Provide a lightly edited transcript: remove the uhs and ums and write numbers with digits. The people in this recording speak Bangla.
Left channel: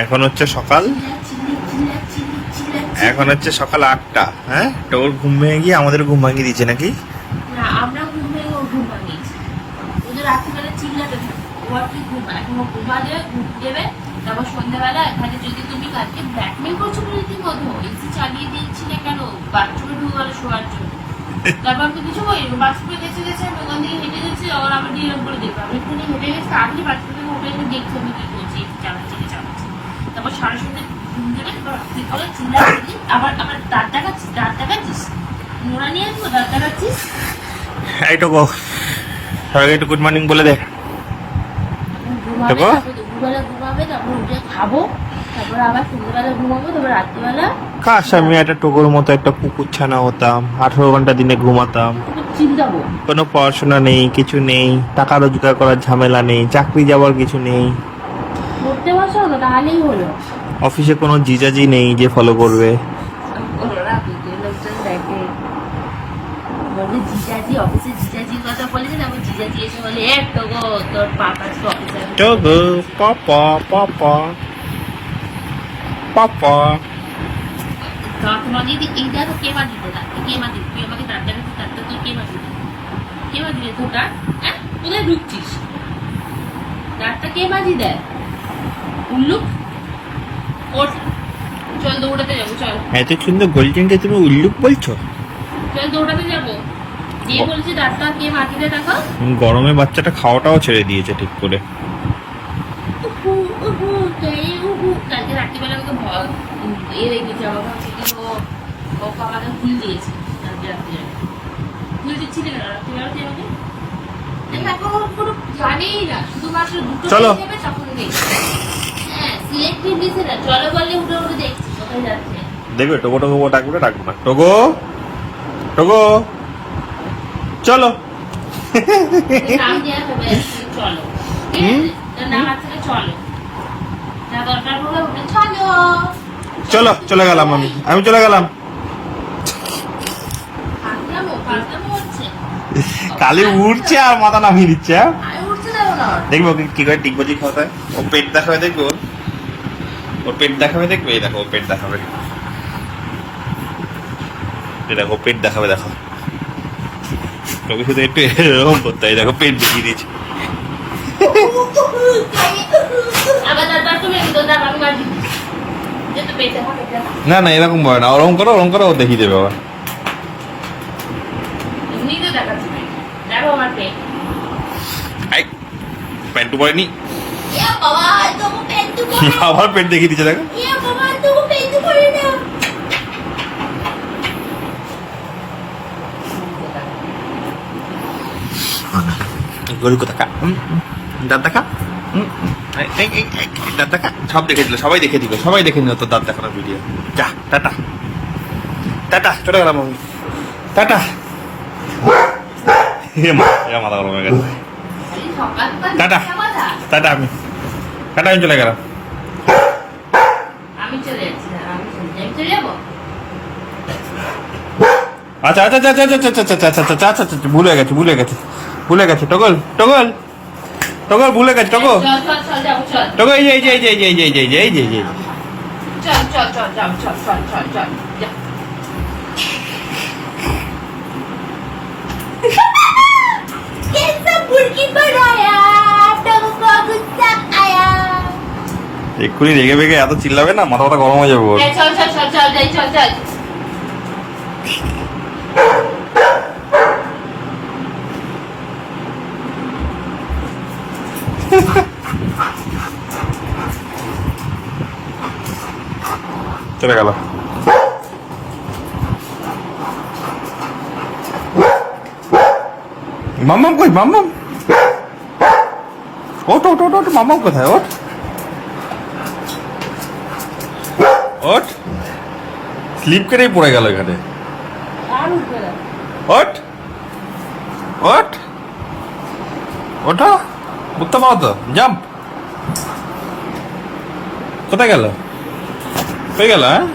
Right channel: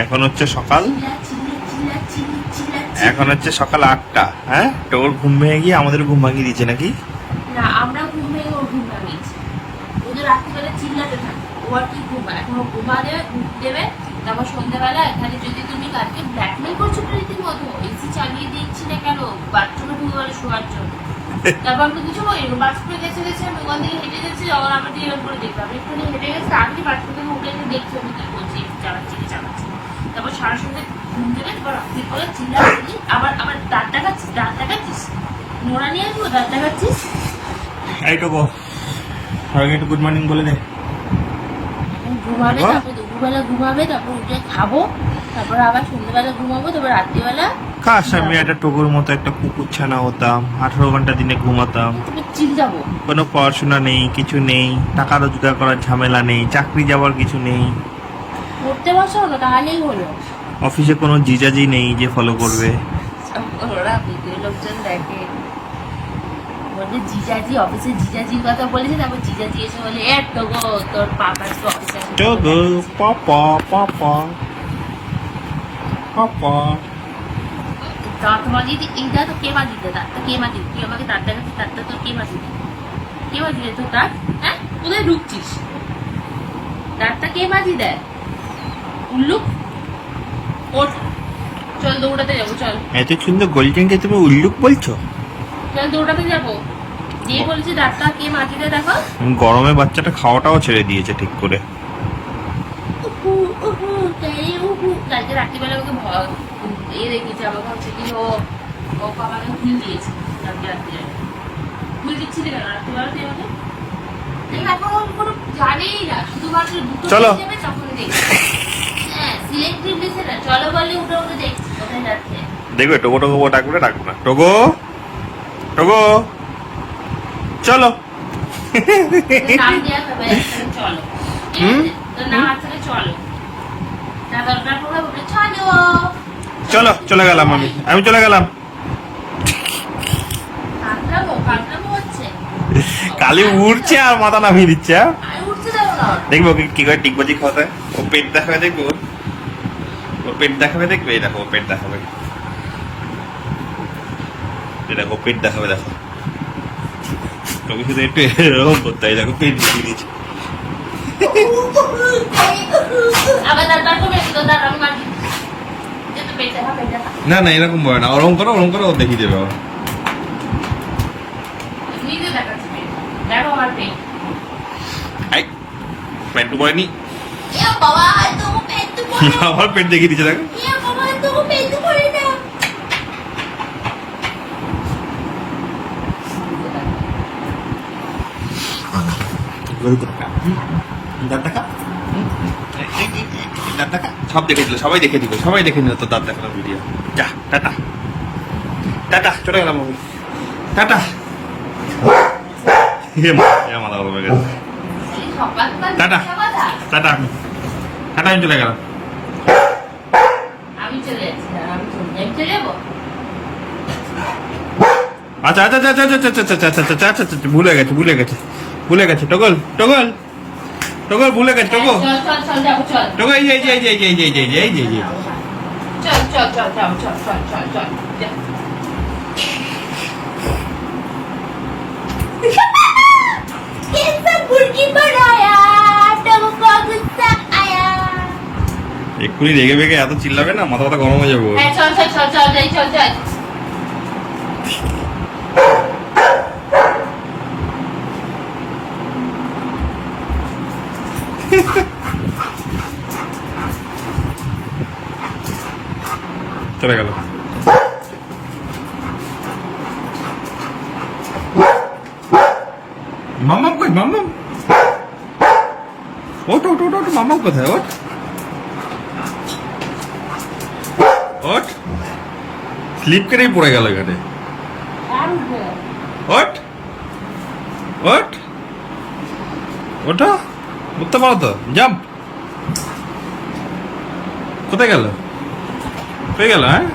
এখন হচ্ছে সকাল 8টা। হ্যাঁ, তোর ঘুম ভেঙে গিয়ে আমাদের ঘুম ভাঙিয়ে দিচ্ছে নাকি? না, আমরা ঘুম থেকে ঘুম ভাঙিয়েছি। ও তো রাত্রিবেলা চিল্লাতে থাকে, ও আর কি ঘুমায়, এখন ও ঘুমালে ঘুম দেবে, তারপর সন্ধ্যাবেলা এখানে যদি তুমি কালকে ব্ল্যাকমেল করছো তো রীতিমতো, এসি চালিয়ে দিচ্ছিলে কেন, বাথরুমে ঢুকে গেল শোয়ার জন্য। তারপর আমি কিছু বলি, বাথরুমে গেছে আমি ওখান থেকে হেঁটে গেছি, আবার আমার দিয়ে এরকম করে দেখবো, আমি একটুখানি হেঁটে গেছি, তাড়াতাড়ি বাথরুম থেকে উঠে এসে দেখছি আমি কি করছি, একটু চালাচ্ছি কি চালাচ্ছি। তারপর সারা সন্ধ্যে ঘুম দেবে, তারপর রাত্রিকালে চিল্লাচ্ছি, আবার দাঁত দেখাচ্ছিস, মোড়া নিয়ে আসবো, দাঁত দেখাচ্ছিস। এই তো গো, সবাইকে একটু গুড মর্নিং বলে দে। ঘুমাবে, তারপর উঠে খাবো, তারপর আবার সন্ধ্যাবেলা ঘুমাবো, তারপর রাত্রিবেলা কাশ আমি একটা টোকোর মতো একটা কুকুর ছানা হতাম, 18 ঘন্টা দিনে ঘুমাতাম, চিন্তাবো। কোনো পড়াশোনা নেই, কিছু নেই, টাকা রোজগার করার ঝামেলা নেই, চাকরি যাওয়ার কিছু নেই, করতে বসো না, তাহলেই হলো। অফিসে কোনো জিজাজি নেই যে ফলো করবে। ওরা লোকজন দেখে, বলবে জিজাজি, অফিসে জিজাজির কথা বলেছি, তারপর জিজাজি এসে বলে এ তো গো তোর পাপা আজকে অফিসে টোগো পাপা পাপা পাপা। দাঁত মাজিয়ে দিই, এই দাঁত কে মাজিতে, দাঁতটা কে মাজিয়ে, তুই আমাকে দাঁত দেখাচ্ছিস, দাঁতটা তোর কে মাজিতে, কে মাজিয়ে তোর দাঁত? হ্যাঁ, কোথায় ঢুকছিস? দাঁতটা কে মাজি দেয়? উল্লুক, ওঠ, চল দৌড়াতে যাবো, চল এত সুন্দর গোল্ডেনকে তুমি উল্লুক বলছো? চল দৌড়াতে যাবো, দিয়ে বলছি দাঁতটা কে মাজি দেয় দেখো। গরমে বাচ্চাটা খাওয়াটাও ছেড়ে দিয়েছে ঠিক করে। কালকে রাত্রিবেলা ওকে রেখেছে, আমার ভাবছি কি ও আমাকে ভুল দিয়েছে, কালকে রাত্রিবেলা ভুল দিচ্ছিলি কেন রাত্রিবেলা তুই আমাকে? এখন ওর কোনো জানেই না, শুধুমাত্র দুটো চলো। দেবে তখন দেখবে। হ্যাঁ, সিলেক্টিভ দিছে না, চলো বললে উঠে উঠে দেখছি কোথায় যাচ্ছে। দেখবে টোগো টোগো ডাকবে, ডাকবো না। টোগো টোগো চলো। নাম দেওয়া হবে, চলো, ঠিক আছে? তোর নাম আছে, চলো, যা দরকার হলো উঠে চলো। চলো, চলে গেলাম আমি চলে গেলাম। ফাঁকনামো হচ্ছে, কালি উঠছে আর মাথা নামিয়ে দিচ্ছে। আমি উঠতে যাবো না। দেখবো ওকে কি করে টিকবাজি খাওয়াতে হয়। ও পেট দেখাবে, দেখবে ওর পেট দেখাবে, দেখবে এই দেখো, ও পেট দেখাবে, দেখো পেট দেখাবে, দেখো তোকে শুধু একটু এরকম করতে হয়, দেখো পেট দেখিয়ে দিয়েছে। আবার দাঁড় তুমি দাঁড় আমি বাড়ি যেতে পেটে হবে না না, এরকম বলে না, ওরম করো ও দেখিয়ে দেবে আবার। নিজে দেখাচ্ছি দেখো আমার পেট। আই প্যান্টু পরেনি, ইয়া বাবা তো পেট তো আবার পেট দেখিয়ে দিচ্ছে, দেখো। ইয়া বাবা তো পেট তো পড়ে না। গরু কোথা কা দাঁত দেখা, দাঁত দেখা, সব দেখে দিল, সবাই দেখে দিবে, সবাই দেখে নিল তোর দাঁত দেখানোর ভিডিও। যা টাটা টাটা, চলে গেলাম আমি, টাটা। মাথা গরম হয়ে গেছে। টাটা টাটা, আমি চলে গেলাম। আমি চলে যাচ্ছি, আমি চলে যাবো। আচ্ছা আচ্ছা আচ্ছা আচ্ছা আচ্ছা আচ্ছা আচ্ছা আচ্ছা আচ্ছা আচ্ছা, ভুলে গেছে টগল ভুলে গেছে। চল চল চল যাবো, চল টগো এই যে চল চল চল চল চল চল চল চল যা। कैसा मुर्गी बनाया तुमको गुस्सा आया। এক্ষুনি রেগে বেগে এত চিল্লাবে না, মাথা গরম হয়ে যাবে ওর। চল চল চল চল যাই, চল চল। চলে গেল। মাম্মাম কই, মাম্মাম ওট, মাম্মাম কোথায়, ওট স্লিপ করেই পড়ে গেল এখানে। ওঠো, উঠতে পারো তো, জাম্প। কোথায় গেল, হয়ে গেল, হ্যাঁ।